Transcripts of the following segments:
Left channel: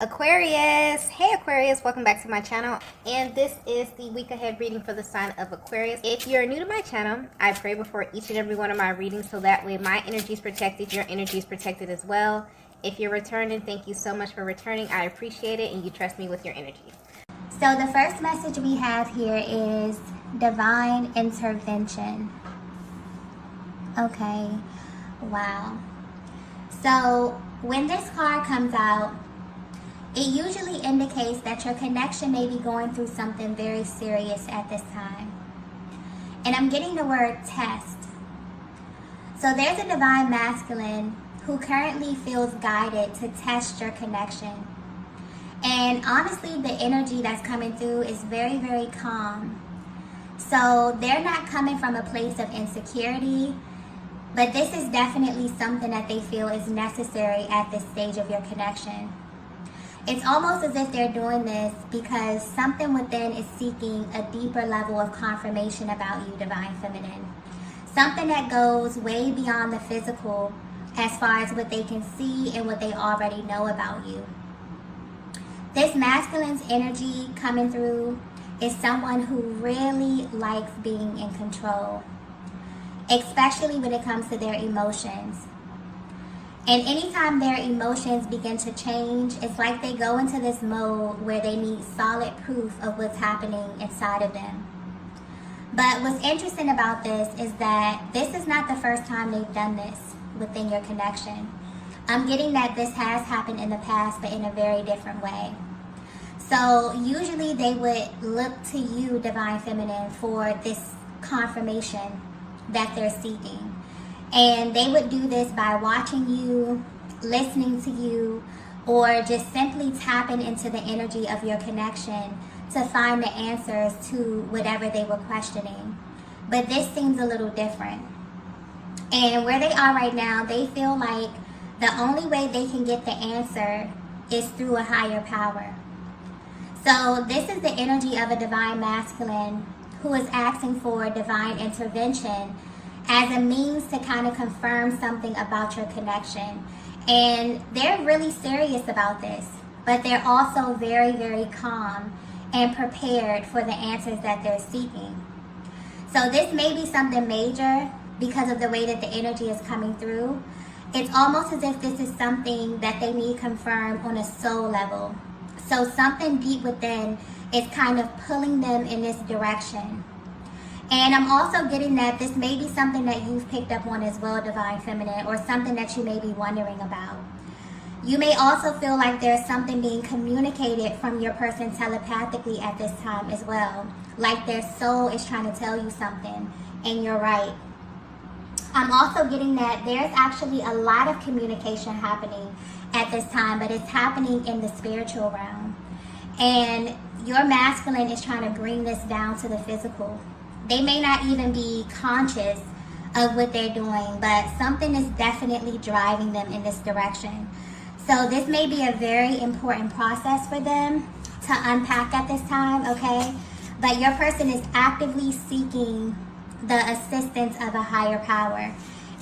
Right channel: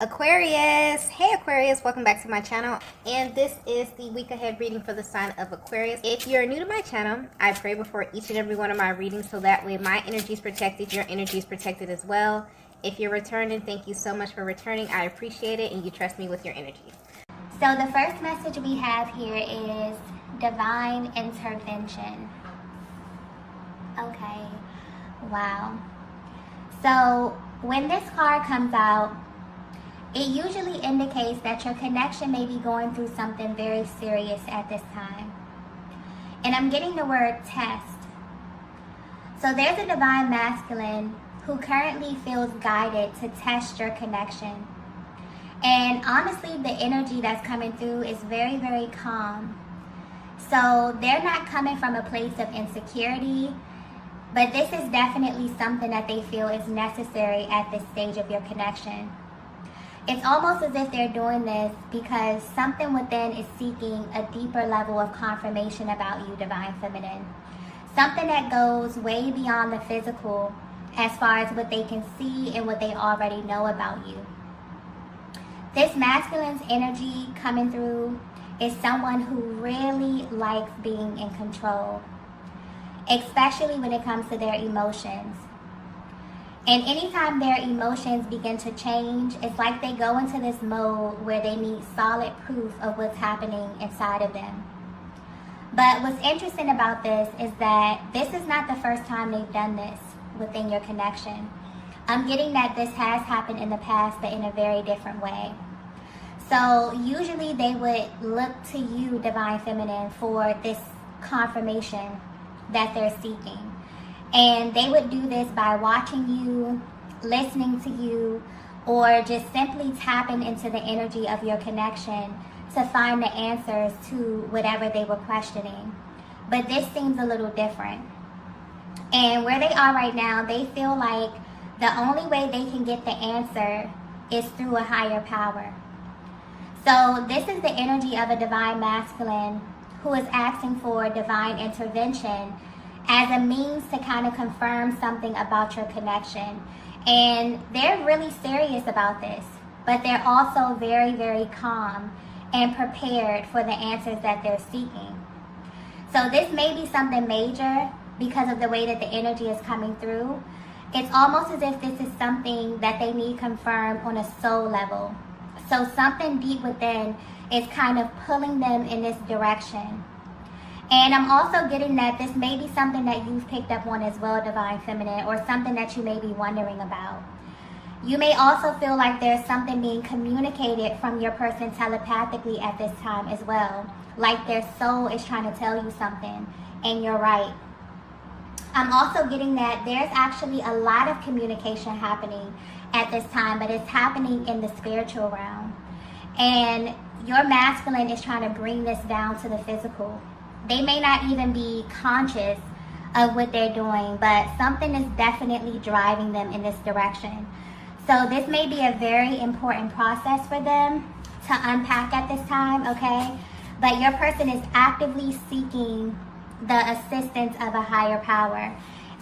Aquarius, hey Aquarius, welcome back to my channel, and this is the week ahead reading for the sign of Aquarius. If you're new to my channel, I pray before each and every one of my readings so that way my energy is protected, your energy is protected as well. If you're returning, thank you so much for returning. I appreciate it, and you trust me with your energy. So the first message we have here is divine intervention. Okay, wow. So when this card comes out, it usually indicates that your connection may be going through something very serious at this time. And I'm getting the word test. So there's a divine masculine who currently feels guided to test your connection. And honestly, the energy that's coming through is very, very calm. So they're not coming from a place of insecurity, but this is definitely something that they feel is necessary at this stage of your connection. It's almost as if they're doing this because something within is seeking a deeper level of confirmation about you, Divine Feminine. Something that goes way beyond the physical as far as what they can see and what they already know about you. This masculine's energy coming through is someone who really likes being in control, especially when it comes to their emotions. And anytime their emotions begin to change, it's like they go into this mode where they need solid proof of what's happening inside of them. But what's interesting about this is that this is not the first time they've done this within your connection. I'm getting that this has happened in the past, but in a very different way. So usually they would look to you, Divine Feminine, for this confirmation that they're seeking. And they would do this by watching you, listening to you, or just simply tapping into the energy of your connection to find the answers to whatever they were questioning. But this seems a little different. And where they are right now, they feel like the only way they can get the answer is through a higher power. So this is the energy of a divine masculine who is asking for divine intervention as a means to kind of confirm something about your connection. And they're really serious about this, but they're also very, very calm and prepared for the answers that they're seeking. So this may be something major because of the way that the energy is coming through. It's almost as if this is something that they need confirmed on a soul level. So something deep within is kind of pulling them in this direction. And I'm also getting that this may be something that you've picked up on as well, Divine Feminine, or something that you may be wondering about. You may also feel like there's something being communicated from your person telepathically at this time as well. Like their soul is trying to tell you something, and you're right. I'm also getting that there's actually a lot of communication happening at this time, but it's happening in the spiritual realm. And your masculine is trying to bring this down to the physical. They may not even be conscious of what they're doing, but something is definitely driving them in this direction. So this may be a very important process for them to unpack at this time, okay? But your person is actively seeking the assistance of a higher power.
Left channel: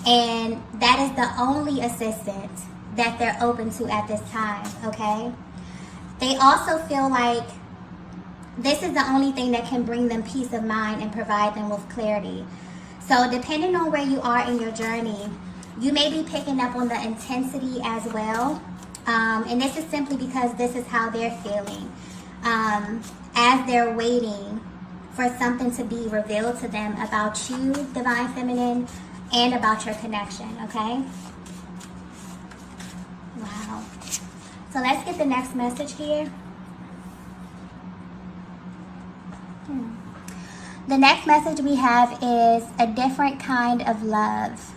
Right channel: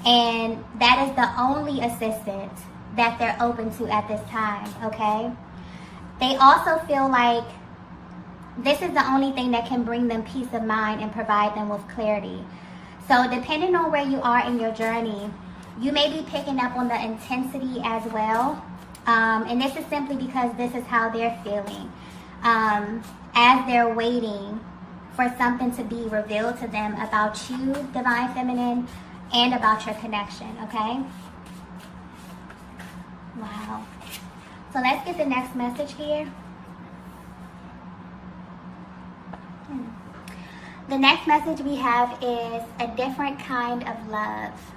And that is the only assistance that they're open to at this time, okay? They also feel like this is the only thing that can bring them peace of mind and provide them with clarity. So depending on where you are in your journey, you may be picking up on the intensity as well. And this is simply because this is how they're feeling as they're waiting for something to be revealed to them about you, Divine Feminine, and about your connection, okay? Wow. So let's get the next message here. The next message we have is a different kind of love.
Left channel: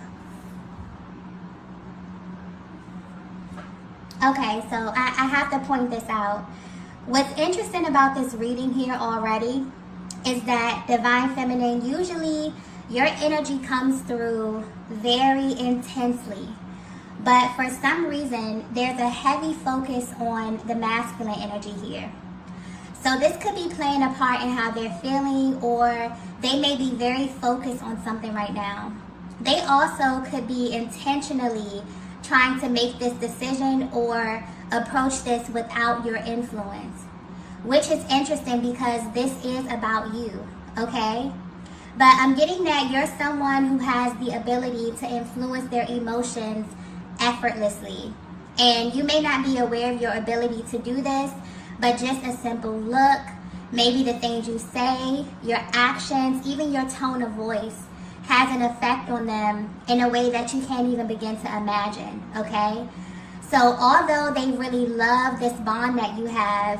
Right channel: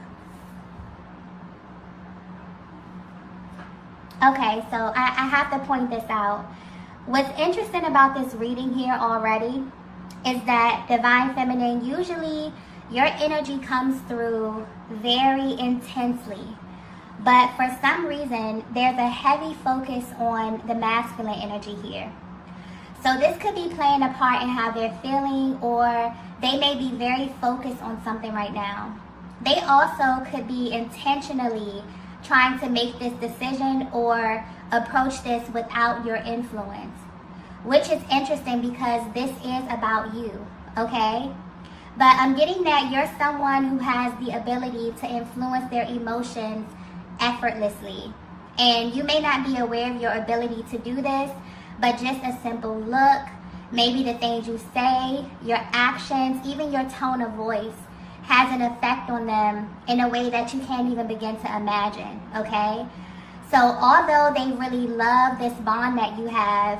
Okay, so I have to point this out. What's interesting about this reading here already is that Divine Feminine, usually your energy comes through very intensely. But for some reason, there's a heavy focus on the masculine energy here. So this could be playing a part in how they're feeling, or they may be very focused on something right now. They also could be intentionally trying to make this decision or approach this without your influence, which is interesting because this is about you, okay? But I'm getting that you're someone who has the ability to influence their emotions effortlessly. And you may not be aware of your ability to do this, but just a simple look, maybe the things you say, your actions, even your tone of voice has an effect on them in a way that you can't even begin to imagine, okay? So although they really love this bond that you have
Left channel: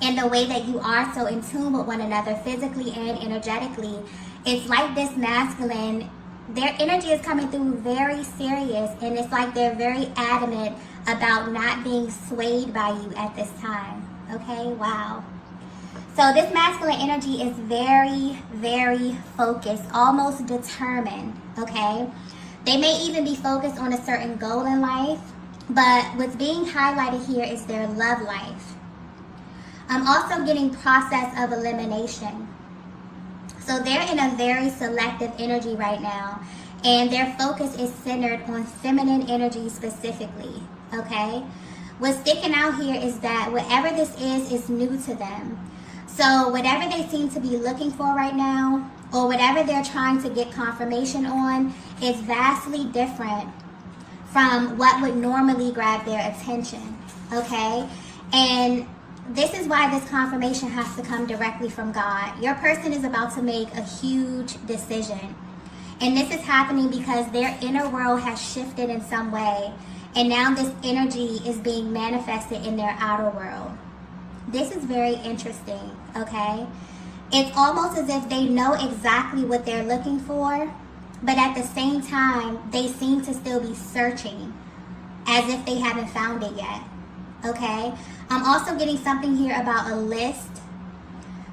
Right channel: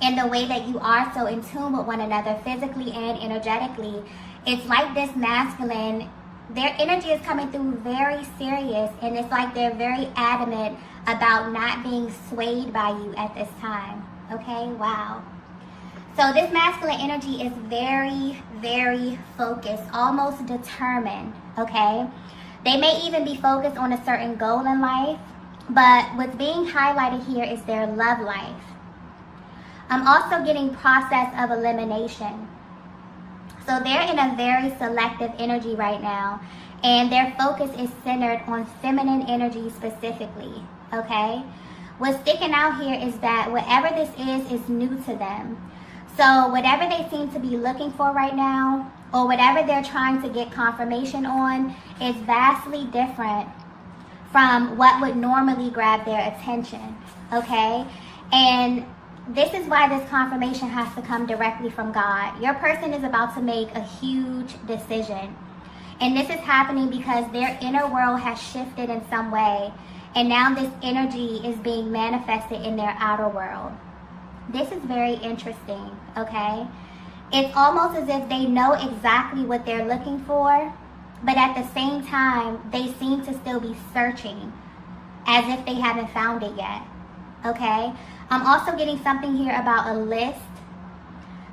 and the way that you are so in tune with one another physically and energetically, it's like this masculine, their energy is coming through very serious, and it's like they're very adamant about not being swayed by you at this time, okay? Wow. So this masculine energy is very, very focused, almost determined, okay? They may even be focused on a certain goal in life, but what's being highlighted here is their love life. I'm also getting process of elimination. So they're in a very selective energy right now, and their focus is centered on feminine energy specifically, okay? What's sticking out here is that whatever this is new to them. So whatever they seem to be looking for right now, or whatever they're trying to get confirmation on, is vastly different from what would normally grab their attention, okay? And this is why this confirmation has to come directly from God. Your person is about to make a huge decision. And this is happening because their inner world has shifted in some way. And now this energy is being manifested in their outer world. This is very interesting, okay? It's almost as if they know exactly what they're looking for, but at the same time, they seem to still be searching as if they haven't found it yet, okay? I'm also getting something here about a list.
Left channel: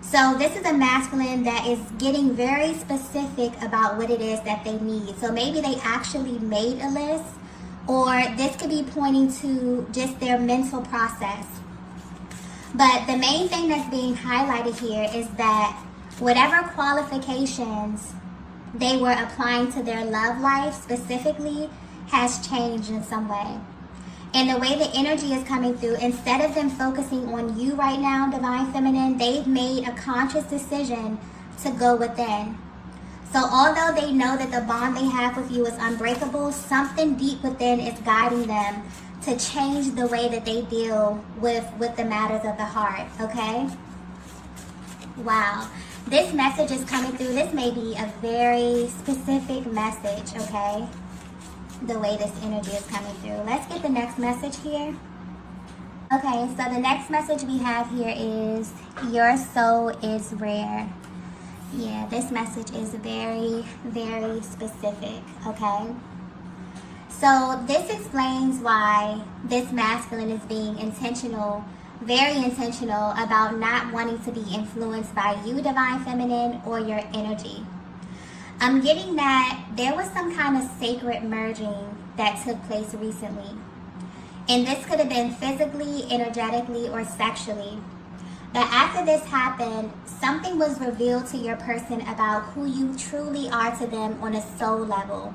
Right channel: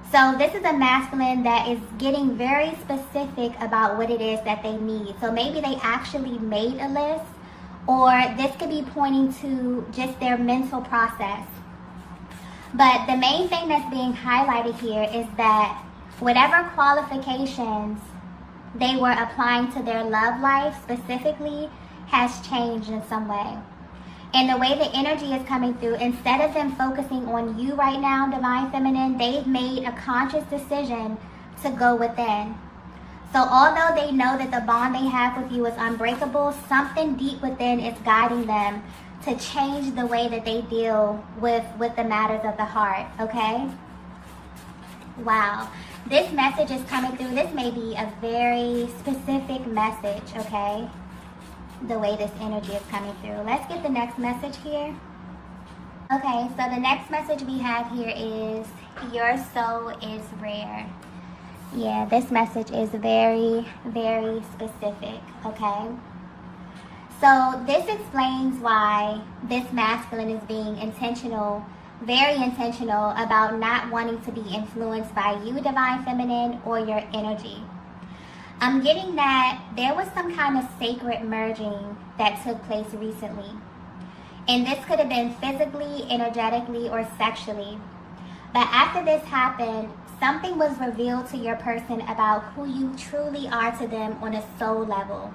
So this is a masculine that is getting very specific about what it is that they need. So maybe they actually made a list, or this could be pointing to just their mental process. But the main thing that's being highlighted here is that whatever qualifications they were applying to their love life specifically has changed in some way. And the way the energy is coming through, instead of them focusing on you right now, Divine Feminine, they've made a conscious decision to go within. So although they know that the bond they have with you is unbreakable, something deep within is guiding them to change the way that they deal with the matters of the heart, okay? Wow. This message is coming through. This may be a very specific message, okay? The way this energy is coming through. Let's get the next message here. Okay, so the next message we have here is, your soul is rare. Yeah, this message is very, very specific, okay? So this explains why this masculine is being intentional, very intentional about not wanting to be influenced by you, Divine Feminine, or your energy. I'm getting that there was some kind of sacred merging that took place recently. And this could have been physically, energetically, or sexually. But after this happened, something was revealed to your person about who you truly are to them on a soul level.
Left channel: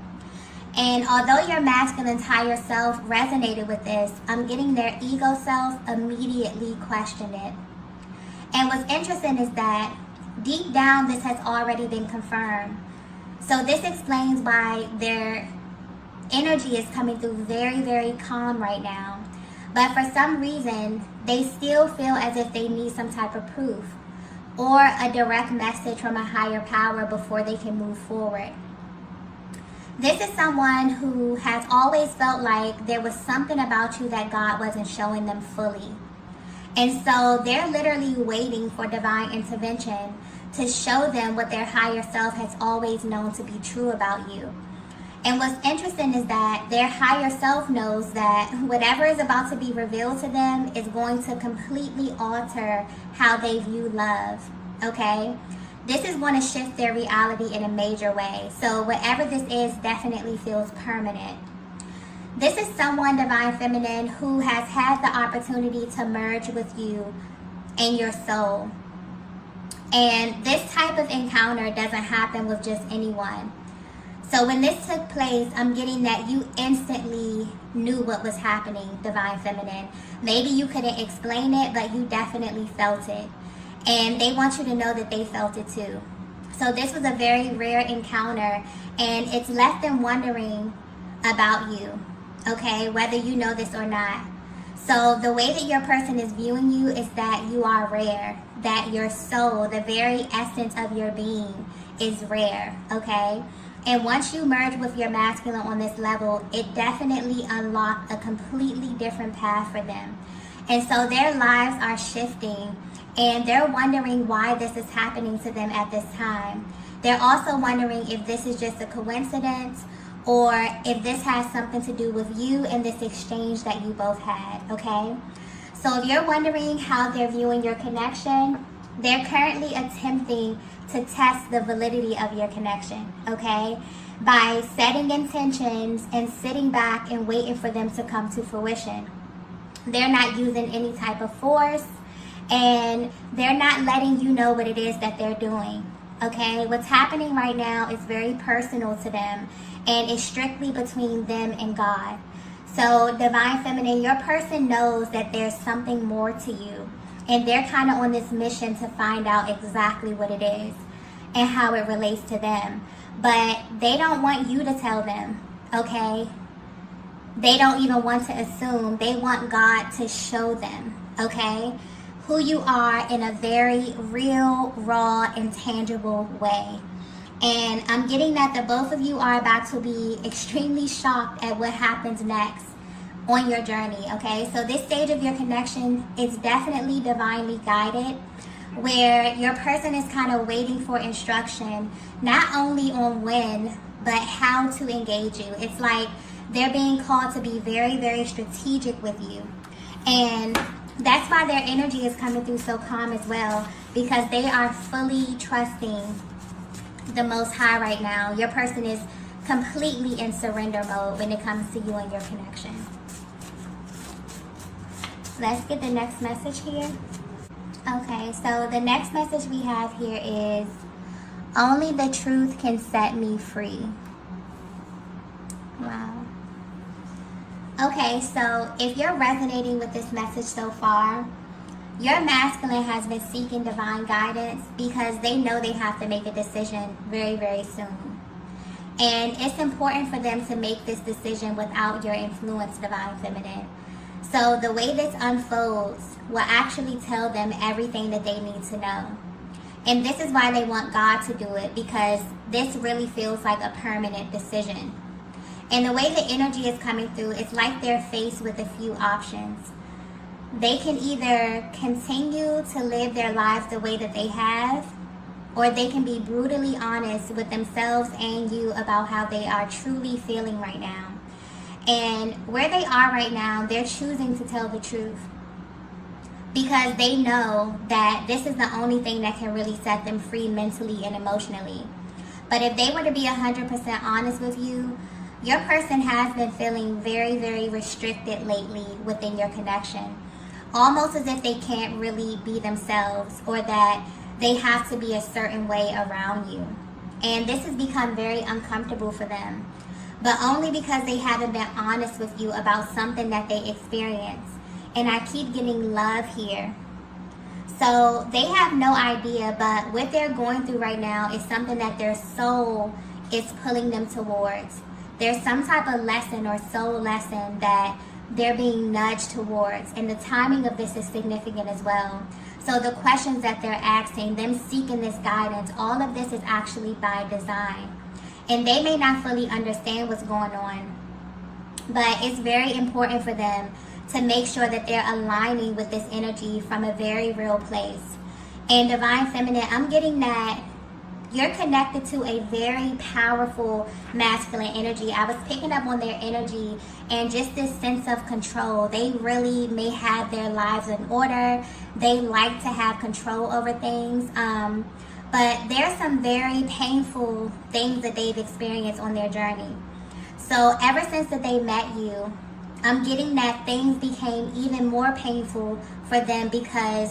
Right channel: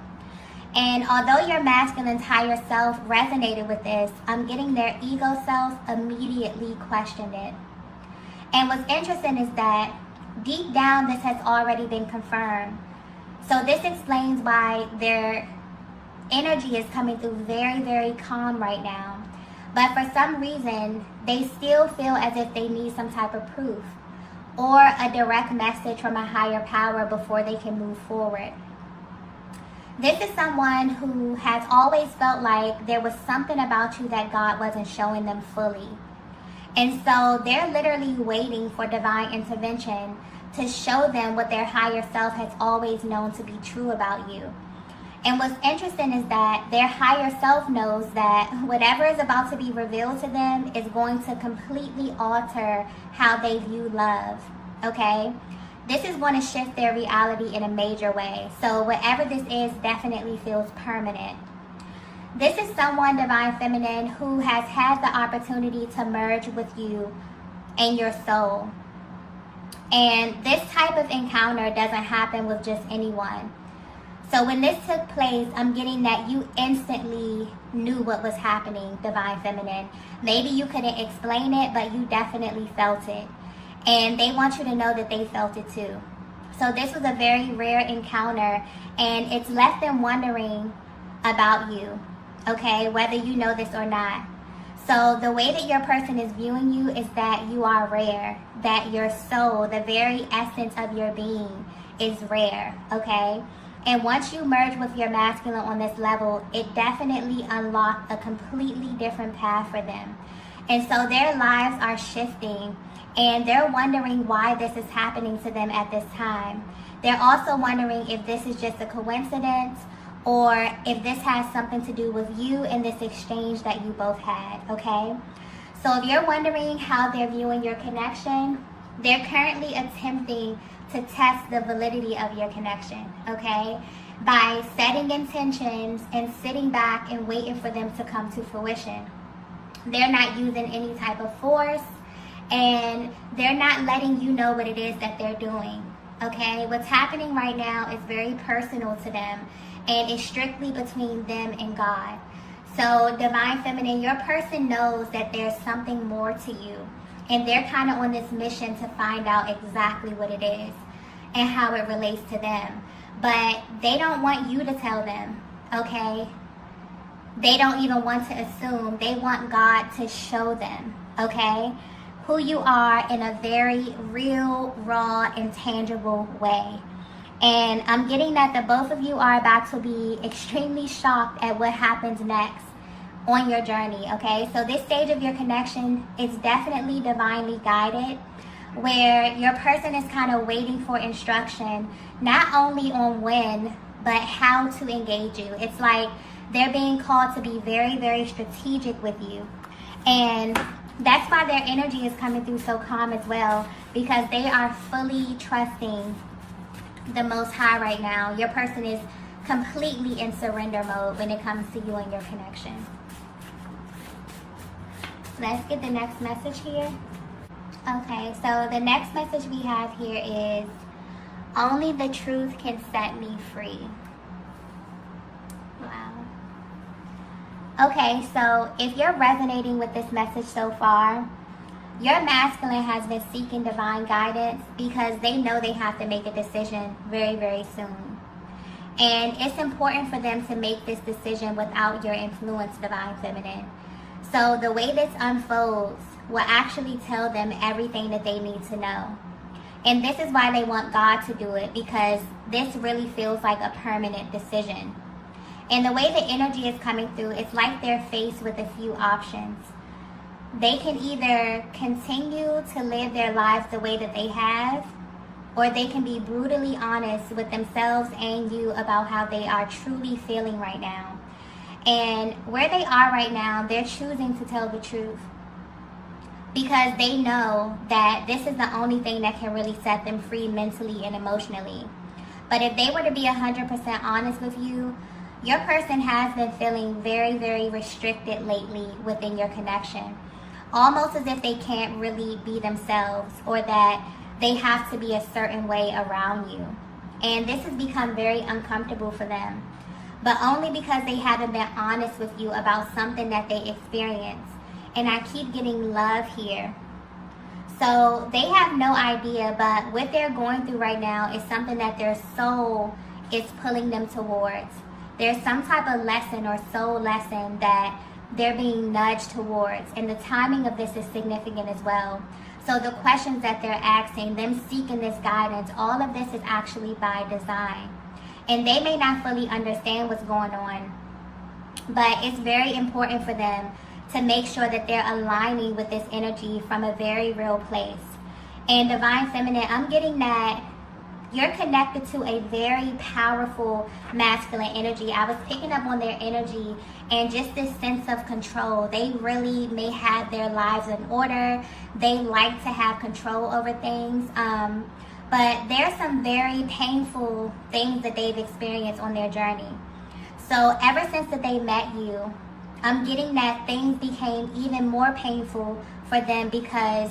And although your masculine's higher self resonated with this, I'm getting their ego self immediately questioned it. And what's interesting is that deep down, this has already been confirmed. So this explains why their energy is coming through very, very calm right now. But for some reason, they still feel as if they need some type of proof or a direct message from a higher power before they can move forward. This is someone who has always felt like there was something about you that God wasn't showing them fully. And so they're literally waiting for divine intervention to show them what their higher self has always known to be true about you. And what's interesting is that their higher self knows that whatever is about to be revealed to them is going to completely alter how they view love, okay? This is going to shift their reality in a major way. So whatever this is definitely feels permanent. This is someone, Divine Feminine, who has had the opportunity to merge with you and your soul. And this type of encounter doesn't happen with just anyone. So when this took place, I'm getting that you instantly knew what was happening, Divine Feminine. Maybe you couldn't explain it, but you definitely felt it. And they want you to know that they felt it too. So this was a very rare encounter, and it's left them wondering about you, okay, whether you know this or not. So the way that your person is viewing you is that you are rare, that your soul, the very essence of your being, is rare, okay? And once you merge with your masculine on this level, it definitely unlocked a completely different path for them. And so their lives are shifting, and they're wondering why this is happening to them at this time. They're also wondering if this is just a coincidence, or if this has something to do with you and this exchange that you both had, okay? So if you're wondering how they're viewing your connection, they're currently attempting to test the validity of your connection, okay? By setting intentions and sitting back and waiting for them to come to fruition. They're not using any type of force, and they're not letting you know what it is that they're doing, okay? What's happening right now is very personal to them, and it's strictly between them and God. So Divine Feminine, your person knows that there's something more to you, and they're kind of on this mission to find out exactly what it is and how it relates to them. But they don't want you to tell them, okay? They don't even want to assume. They want God to show them, okay, who you are in a very real, raw, and tangible way. And I'm getting that the both of you are about to be extremely shocked at what happens next on your journey, okay? So this stage of your connection is definitely divinely guided, where your person is kind of waiting for instruction, not only on when, but how to engage you. It's like they're being called to be very, very strategic with you. And that's why their energy is coming through so calm as well, because they are fully trusting the Most High right now. Your person is completely in surrender mode when it comes to you and your connection. Let's get the next message here. Okay, so the next message we have here is, only the truth can set me free. Wow. Okay, so if you're resonating with this message so far, your masculine has been seeking divine guidance because they know they have to make a decision very, very soon. And it's important for them to make this decision without your influence, Divine Feminine. So the way this unfolds will actually tell them everything that they need to know. And this is why they want God to do it, because this really feels like a permanent decision. And the way the energy is coming through, it's like they're faced with a few options. They can either continue to live their lives the way that they have, or they can be brutally honest with themselves and you about how they are truly feeling right now. And where they are right now, they're choosing to tell the truth, because they know that this is the only thing that can really set them free mentally and emotionally. But if they were to be 100% honest with you, your person has been feeling very, very restricted lately within your connection. Almost as if they can't really be themselves, or that they have to be a certain way around you. And this has become very uncomfortable for them, but only because they haven't been honest with you about something that they experienced. And I keep getting love here. So they have no idea, but what they're going through right now is something that their soul is pulling them towards. There's some type of lesson or soul lesson that they're being nudged towards. And the timing of this is significant as well. So the questions that they're asking, them seeking this guidance, all of this is actually by design. And they may not fully understand what's going on, but it's very important for them to make sure that they're aligning with this energy from a very real place. And Divine Feminine, I'm getting that you're connected to a very powerful masculine energy. I was picking up on their energy and just this sense of control. They really may have their lives in order. They like to have control over things. But there's some very painful things that they've experienced on their journey. So ever since that they met you, I'm getting that things became even more painful for them, because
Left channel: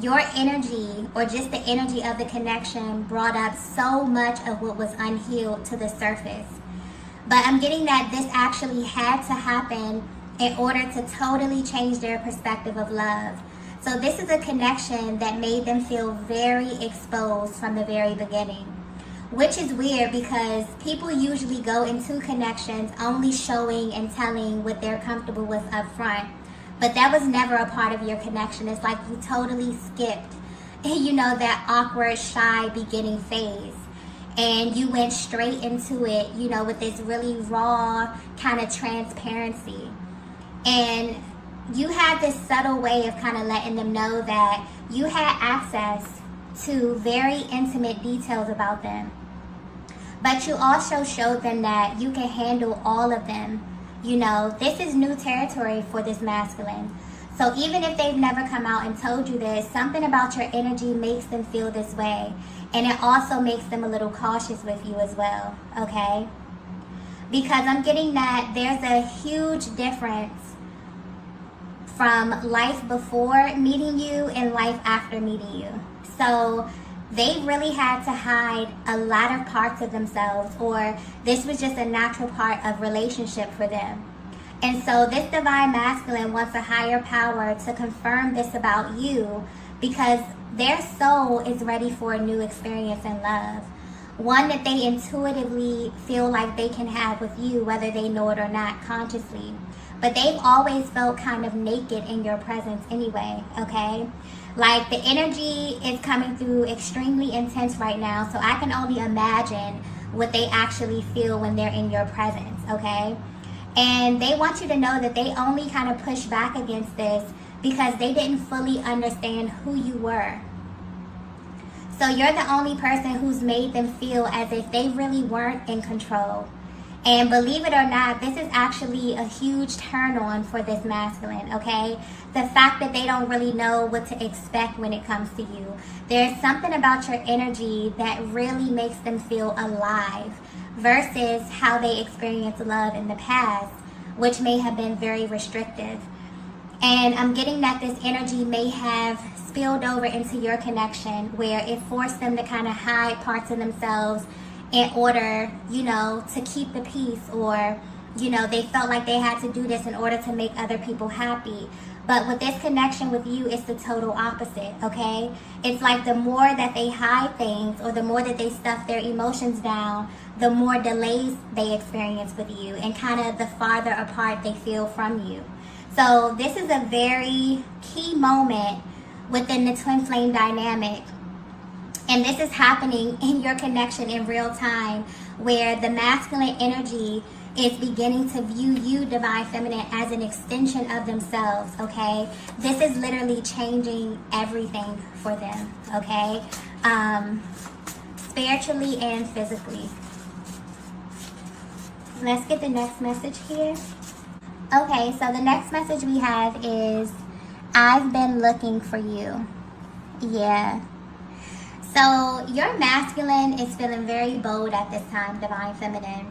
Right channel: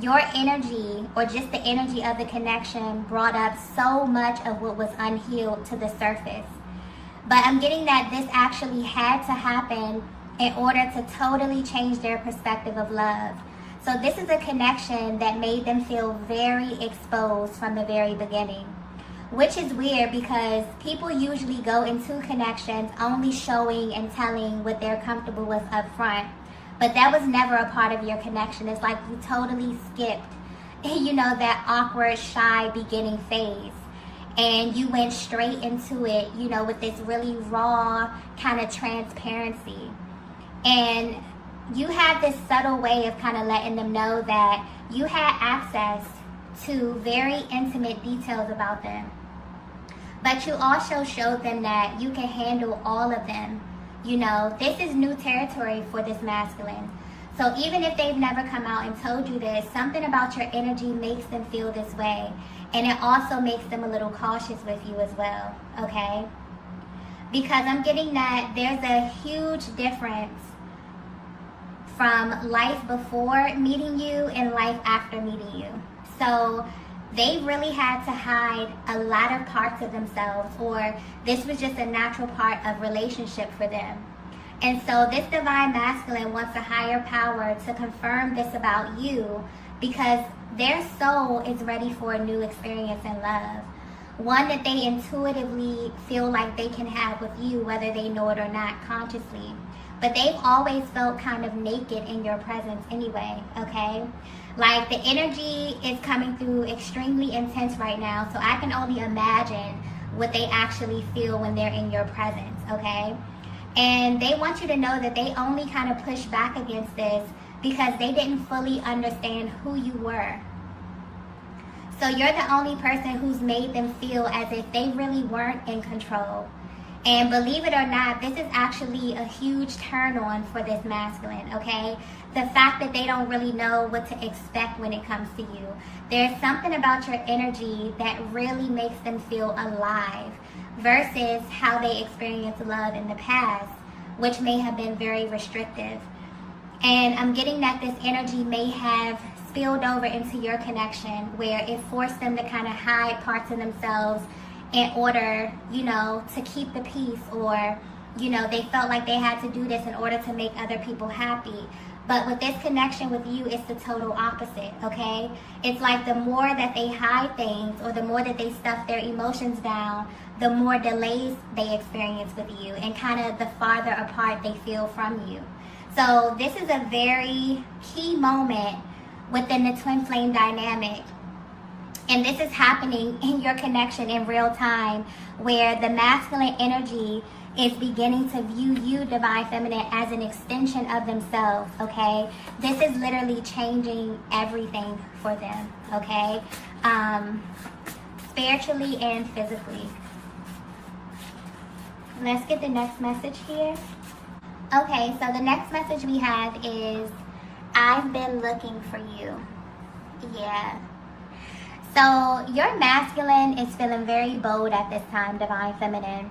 your energy, or just the energy of the connection, brought up so much of what was unhealed to the surface. But I'm getting that this actually had to happen in order to totally change their perspective of love. So this is a connection that made them feel very exposed from the very beginning. Which is weird because people usually go into connections only showing and telling what they're comfortable with up front. But that was never a part of your connection. It's like you totally skipped, that awkward, shy beginning phase. And you went straight into it, with this really raw kind of transparency. And you had this subtle way of kind of letting them know that you had access to very intimate details about them. But you also showed them that you can handle all of them. This is new territory for this masculine. So even if they've never come out and told you this, something about your energy makes them feel this way. And it also makes them a little cautious with you as well, okay? Because I'm getting that there's a huge difference from life before meeting you and life after meeting you. So they really had to hide a lot of parts of themselves, or this was just a natural part of relationship for them. And so this divine masculine wants a higher power to confirm this about you because their soul is ready for a new experience in love. One that they intuitively feel like they can have with you, whether they know it or not consciously. But they've always felt kind of naked in your presence anyway, okay? Like the energy is coming through extremely intense right now, so I can only imagine what they actually feel when they're in your presence, okay? And they want you to know that they only kind of push back against this because they didn't fully understand who you were. So you're the only person who's made them feel as if they really weren't in control. And believe it or not, this is actually a huge turn on for this masculine, okay? The fact that they don't really know what to expect when it comes to you. There's something about your energy that really makes them feel alive versus how they experienced love in the past, which may have been very restrictive. And I'm getting that this energy may have spilled over into your connection where it forced them to kind of hide parts of themselves in order, to keep the peace, or, they felt like they had to do this in order to make other people happy. But with this connection with you, it's the total opposite, okay? It's like the more that they hide things or the more that they stuff their emotions down, the more delays they experience with you and kind of the farther apart they feel from you. So this is a very key moment within the twin flame dynamic. And this is happening in your connection in real time, where the masculine energy is beginning to view you, divine feminine, as an extension of themselves, okay? This is literally changing everything for them, okay? Spiritually and physically. Let's get the next message here. Okay, so the next message we have is, I've been looking for you. Yeah. So your masculine is feeling very bold at this time, divine feminine.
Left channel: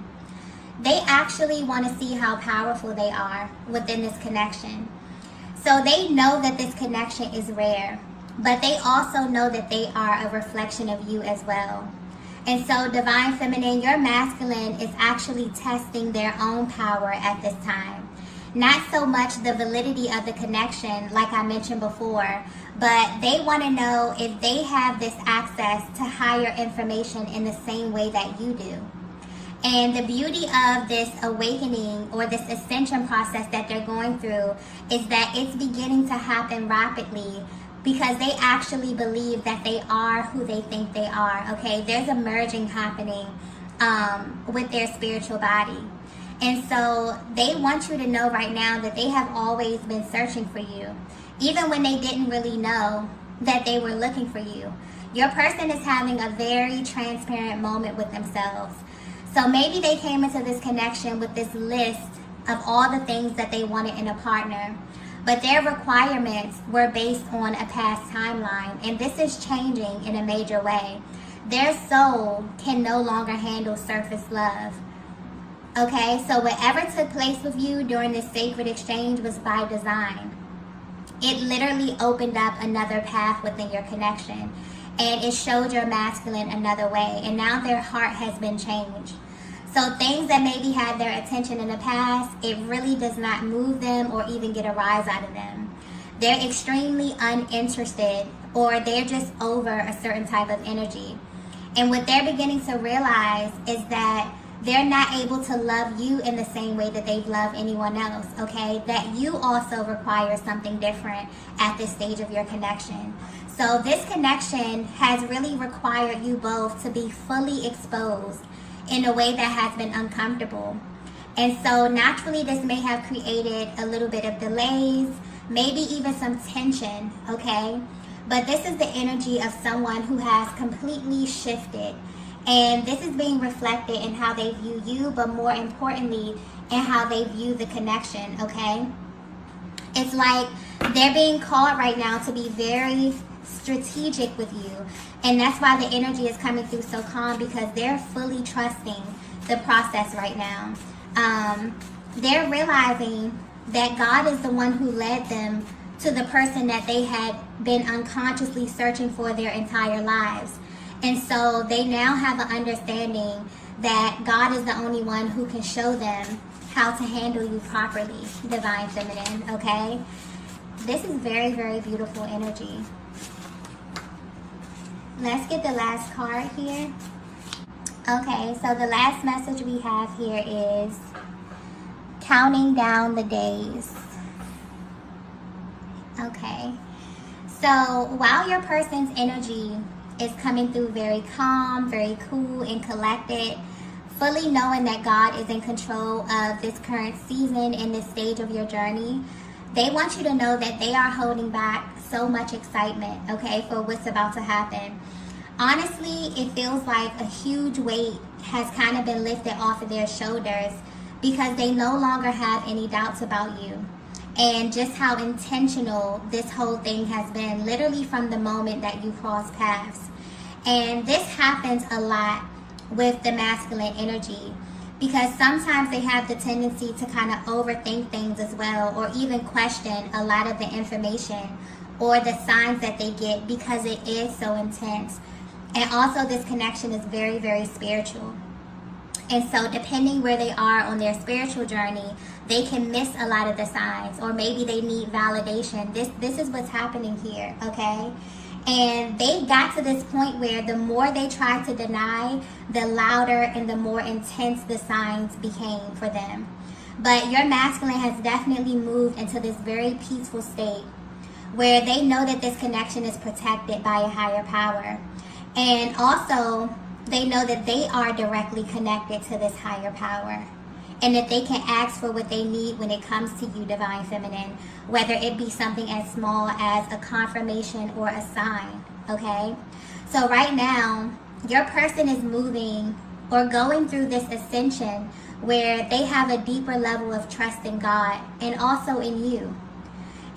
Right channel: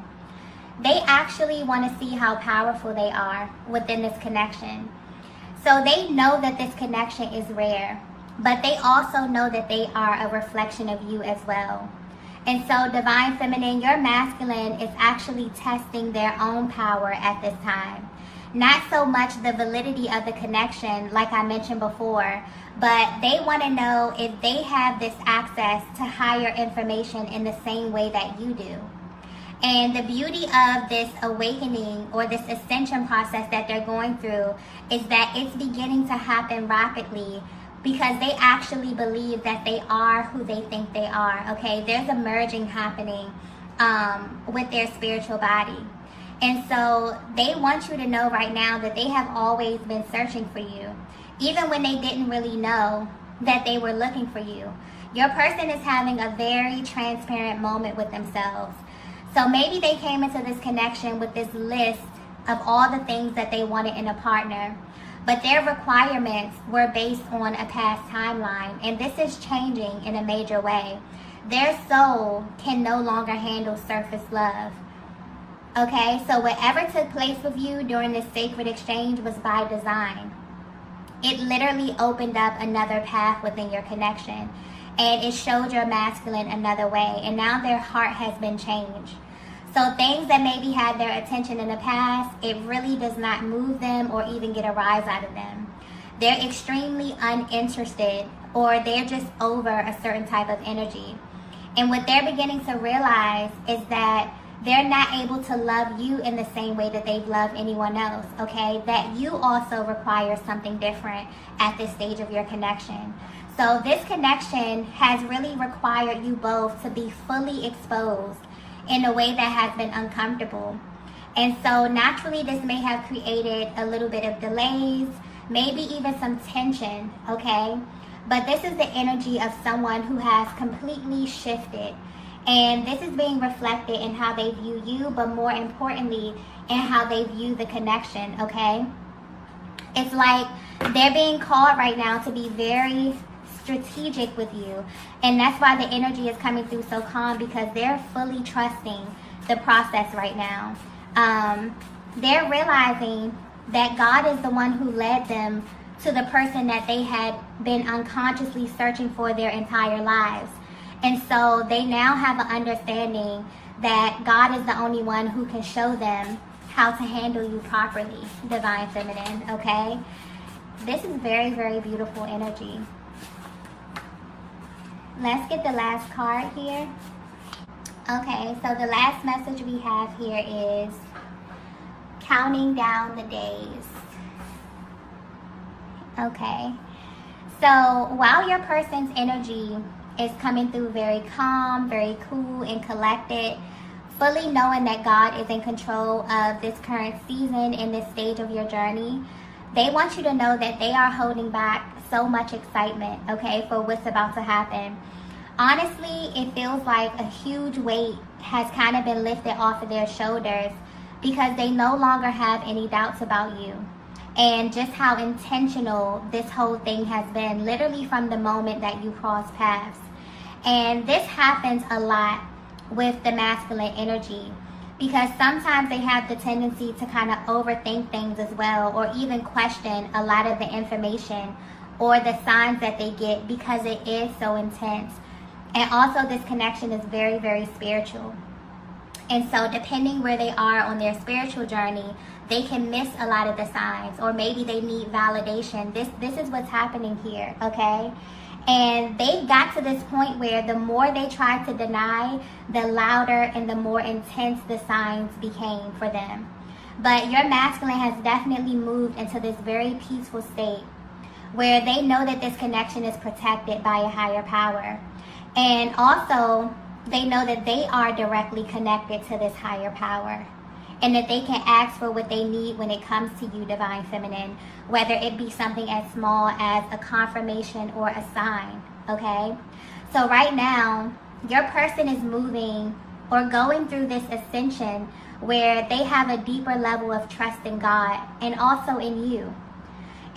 They actually want to see how powerful they are within this connection. So they know that this connection is rare, but they also know that they are a reflection of you as well. And so divine feminine, your masculine is actually testing their own power at this time. Not so much the validity of the connection, like I mentioned before, but they want to know if they have this access to higher information in the same way that you do. And the beauty of this awakening or this ascension process that they're going through is that it's beginning to happen rapidly because they actually believe that they are who they think they are, okay? There's a merging happening with their spiritual body. And so they want you to know right now that they have always been searching for you, even when they didn't really know that they were looking for you. Your person is having a very transparent moment with themselves. So maybe they came into this connection with this list of all the things that they wanted in a partner, but their requirements were based on a past timeline, and this is changing in a major way. Their soul can no longer handle surface love. Okay, so whatever took place with you during this sacred exchange was by design. It literally opened up another path within your connection, and it showed your masculine another way, and now their heart has been changed. So things that maybe had their attention in the past, it really does not move them or even get a rise out of them. They're extremely uninterested, or they're just over a certain type of energy. And what they're beginning to realize is that they're not able to love you in the same way that they've loved anyone else, okay? That you also require something different at this stage of your connection. So this connection has really required you both to be fully exposed in a way that has been uncomfortable. And so naturally this may have created a little bit of delays, maybe even some tension, okay? But this is the energy of someone who has completely shifted. And this is being reflected in how they view you, but more importantly, in how they view the connection, okay? It's like they're being called right now to be very strategic with you. And that's why the energy is coming through so calm, because they're fully trusting the process right now. They're realizing that God is the one who led them to the person that they had been unconsciously searching for their entire lives. And so they now have an understanding that God is the only one who can show them how to handle you properly, Divine Feminine, okay? This is very, very beautiful energy. Let's get the last card here. Okay, so the last message we have here is counting down the days. Okay, so while your person's energy is coming through very calm, very cool and collected, fully knowing that God is in control of this current season and this stage of your journey, they want you to know that they are holding back so much excitement, okay, for what's about to happen. Honestly, it feels like a huge weight has kind of been lifted off of their shoulders, because they no longer have any doubts about you and just how intentional this whole thing has been, literally from the moment that you cross paths. And this happens a lot with the masculine energy, because sometimes they have the tendency to kind of overthink things as well, or even question a lot of the information or the signs that they get, because it is so intense. And also this connection is very, very spiritual. And so depending where they are on their spiritual journey, they can miss a lot of the signs, or maybe they need validation. This is what's happening here, okay? And they got to this point where the more they tried to deny, the louder and the more intense the signs became for them. But your masculine has definitely moved into this very peaceful state where they know that this connection is protected by a higher power. And also, they know that they are directly connected to this higher power, and that they can ask for what they need when it comes to you, Divine Feminine, whether it be something as small as a confirmation or a sign, okay? So right now, your person is moving or going through this ascension where they have a deeper level of trust in God and also in you.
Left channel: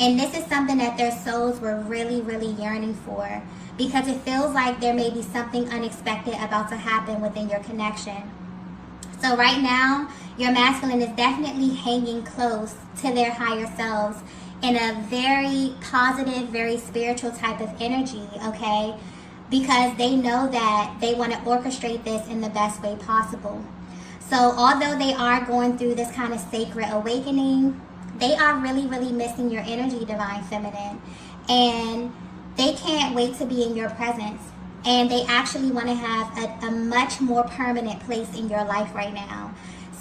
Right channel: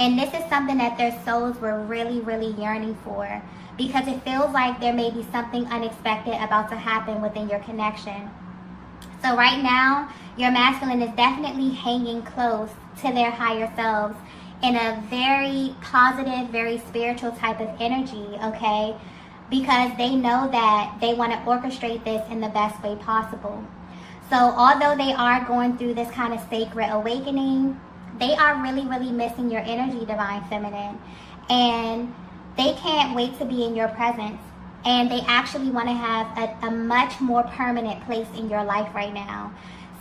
And this is something that their souls were really, really yearning for, because it feels like there may be something unexpected about to happen within your connection. So right now, your masculine is definitely hanging close to their higher selves in a very positive, very spiritual type of energy, okay? Because they know that they want to orchestrate this in the best way possible. So although they are going through this kind of sacred awakening, they are really, really missing your energy, Divine Feminine. And they can't wait to be in your presence. And they actually want to have a much more permanent place in your life right now.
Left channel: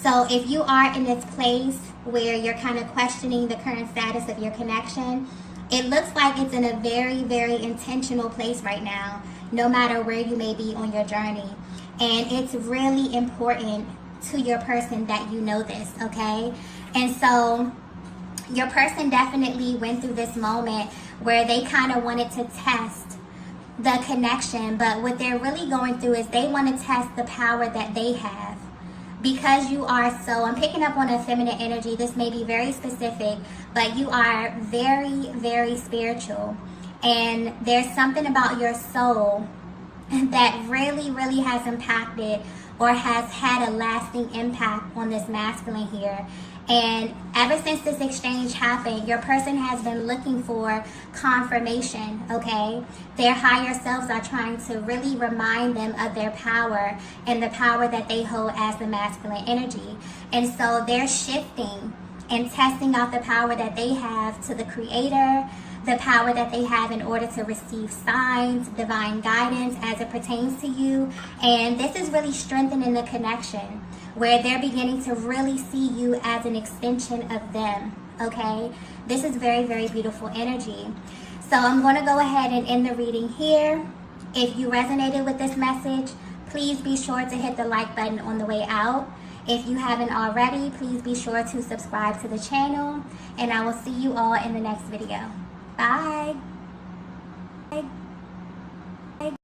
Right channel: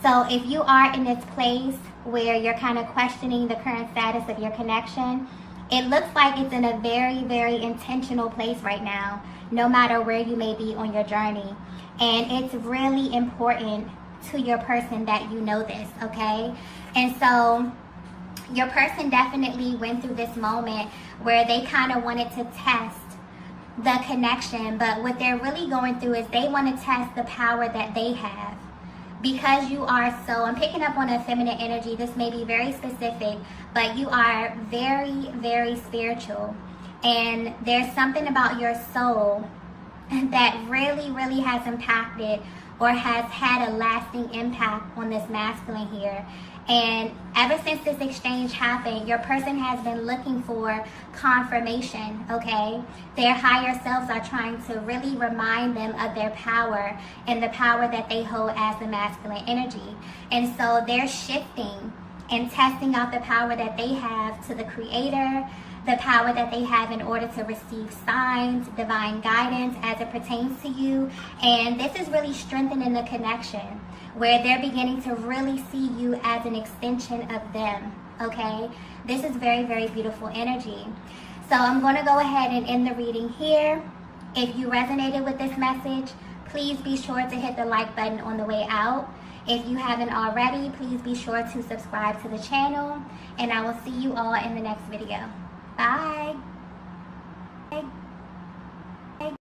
So if you are in this place where you're kind of questioning the current status of your connection, it looks like it's in a very, very intentional place right now, no matter where you may be on your journey. And it's really important to your person that you know this, okay? And so your person definitely went through this moment where they kind of wanted to test the connection, but what they're really going through is they want to test the power that they have. Because you are so, I'm picking up on a feminine energy, this may be very specific, but you are very, very spiritual. And there's something about your soul that really, really has impacted or has had a lasting impact on this masculine here. And ever since this exchange happened, your person has been looking for confirmation, okay? Their higher selves are trying to really remind them of their power and the power that they hold as the masculine energy. And so they're shifting and testing out the power that they have to the creator, the power that they have in order to receive signs, divine guidance as it pertains to you. And this is really strengthening the connection, where they're beginning to really see you as an extension of them, okay? This is very, very beautiful energy. So I'm going to go ahead and end the reading here. If you resonated with this message, please be sure to hit the like button on the way out. If you haven't already, please be sure to subscribe to the channel, and I will see you all in the next video. Bye.